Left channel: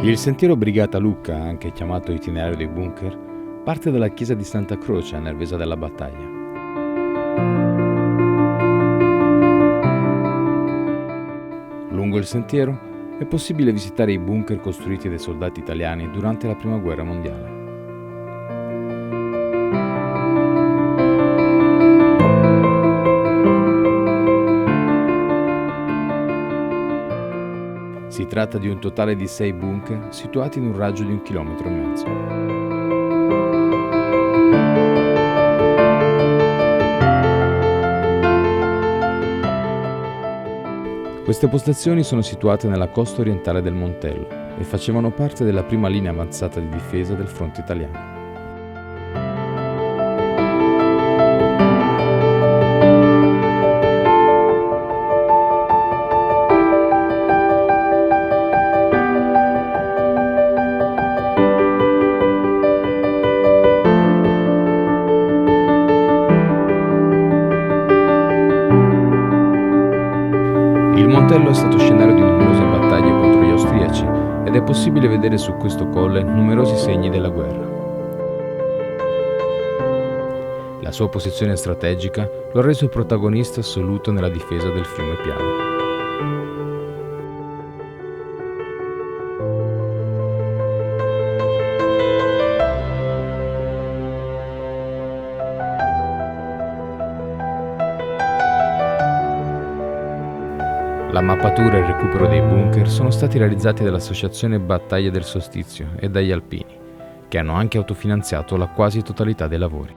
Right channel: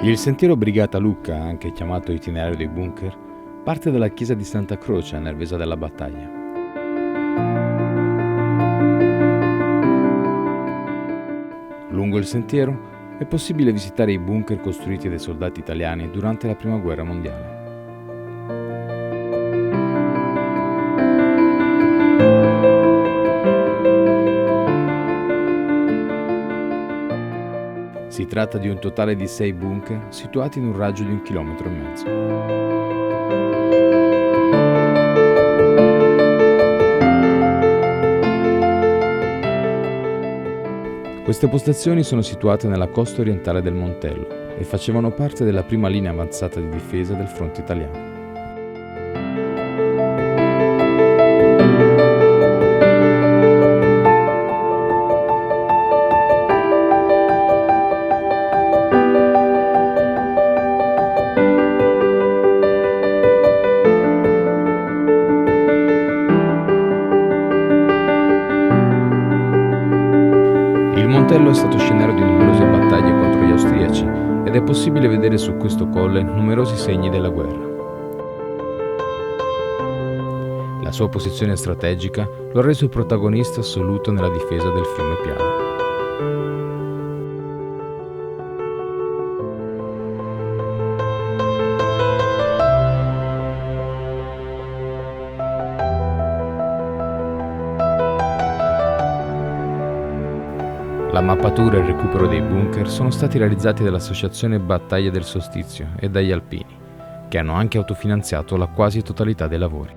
Il sentiero Brigata Lucca, anche chiamato itinerario dei bunker, parte dalla chiesa di Santa Croce a Nervesa della Battaglia. Lungo il sentiero è possibile visitare i bunker costruiti dai soldati italiani durante la Prima Guerra Mondiale. Si tratta di un totale di 6 bunker situati in un raggio di 1,5 chilometri. Queste postazioni sono situate nella costa orientale del Montello e facevano parte della prima linea avanzata di difesa del fronte italiano. Il Montello è stato scenario di numerose battaglie contro gli austriaci ed è possibile vedere su questo colle numerosi segni della guerra. La sua posizione strategica lo ha reso protagonista assoluto nella difesa del fiume Piave. La mappatura e il recupero dei bunker sono stati realizzati dall'Associazione Battaglia del Solstizio e dagli alpini, che hanno anche autofinanziato la quasi totalità dei lavori.